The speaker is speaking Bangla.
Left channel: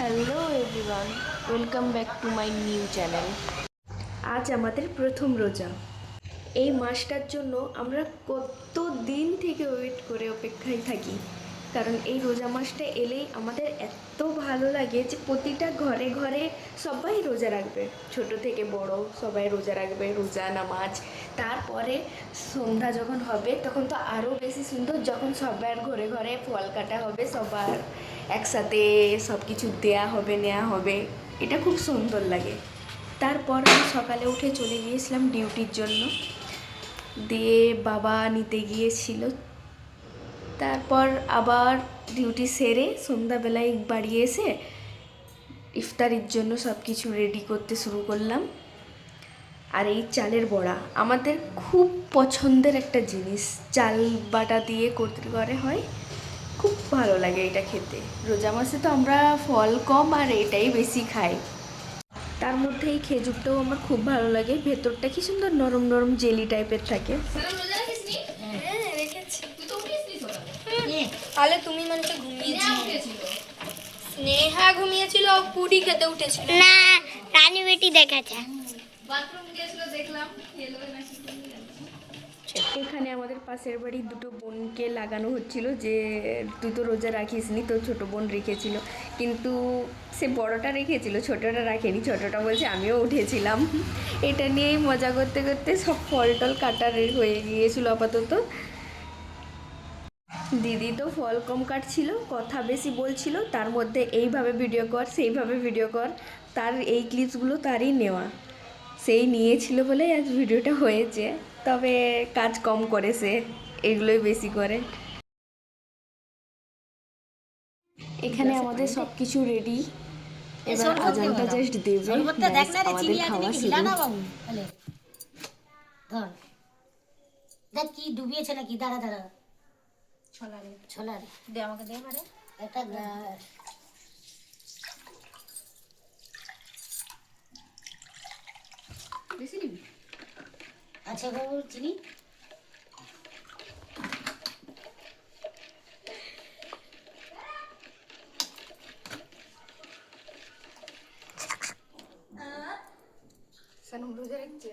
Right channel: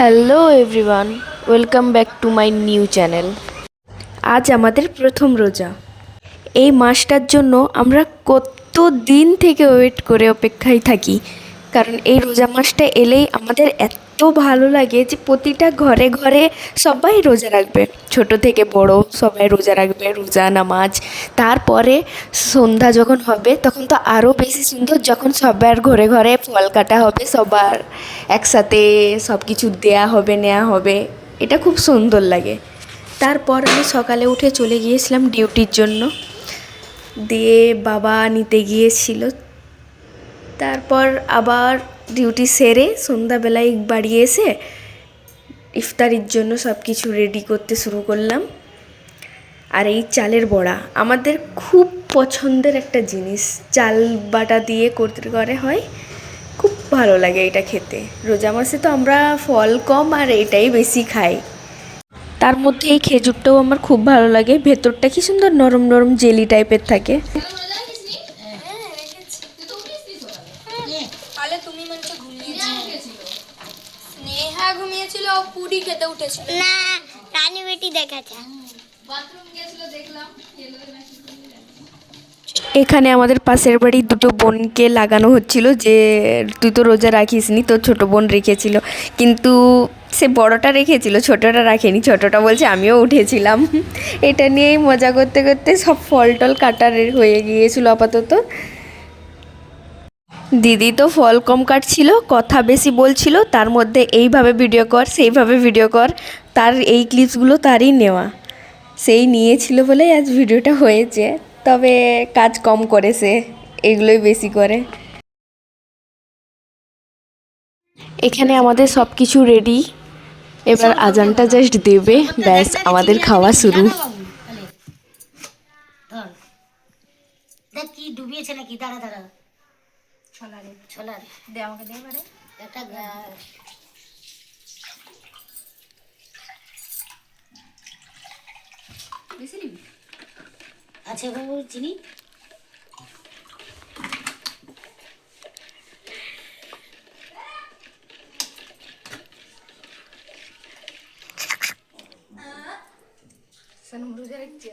Hello everyone, welcome back to my new channel. আজ আমাদের প্রথম রোজা। এই মাসটার জন্য আমরা কত দিন থেকে ওয়েট করে অপেক্ষায় থাকি, কারণ এই রোজা মাসটা এলেই আমাদের এত ভালো লাগে যে প্রতিটা ঘরে ঘরে সবাই রোজা রাখবে, ছোট থেকে বড় সবাই রোজা রাখবে, রোজা নামাজ। তারপরে সন্ধ্যা যখন হবে তখন তো আরও বেশি সুন্দর, যখন সবার ঘরে ঘরে ফল কাটা হবে, সবার একসাথে সব কিছু দেয়া হবে, নেওয়া হবে, এটা খুব সুন্দর লাগে। তারপর আমি সকালে উঠে চলে গিয়েছিলাম ডিউটির জন্য, দিয়ে বাবা নিতে গিয়েছিল। তারপর আবার ডিউটি সেরে সন্ধ্যাবেলায় বাড়ি এসে ইফতারির জন্য সব কিছু রেডি করতে শুরু করলাম। আর এই চালের বড়া আমাদের খুব পছন্দের একটা জিনিস, চাল বাটা দিয়ে করতে করে হয়, খুব ভালো লাগে এটা খেতে। রোজা মাসে তো আমরা ফল কম আর এটাই বেশি খাই। তার মধ্যে এই খেজুরটাও আমার খুব ভালো লাগে, ভেতরটা কি সুন্দর নরম নরম জেলি টাইপের থাকে। তাহলে তুমি মানে ঘুমিয়েছিলে, স্নেহা ঘুমিয়েছিল, পুরি খেতে উঠেছিল না, রানী বেটি দেখাচ্ছে। এখানে আমাদের পাশের বাড়ি দুটো বোনকে লাগানো হচ্ছিল যে তুই তো রোজা রাখিসনি, তোর ছোটো বোন রেখেছিল, কিন্তু সে বড়টা রেখেছিল, ছোটোটা রাখেনি। ছোটোটা বলছে আমিও উঠেছিলাম। এটা নিয়েই মজা করতে করতে সব ফল টল কাটার হয়ে গিয়েছিল আপাতত। দিদি তো ফল কম কাটছিল, কথা বেশি বলছিল, তার মধ্যে এইভাবে ভিডিও কর সেইভাবে ভিডিও কর, তার এই ক্লিপসগুলো তারই নেওয়া, সেই নিয়েছিল বলেই আজ ভিডিওটা হয়েছে। তবে কাজ কম করে, সে এগুলোই বেশি করে। এখানে আমাদের সব কিছু রেডি, এবার আজানটা জাস্ট দেবে, ব্যাস আমাদের খাওয়া শুরু। দেখ কি ডুবিয়েছে নাকি, দাঁড়া দাঁড়া। ছোলার দে আমাকে দে পারে একটা বেশি নিবি আছে বাবু চিনি। সনম রোজা রাখছে।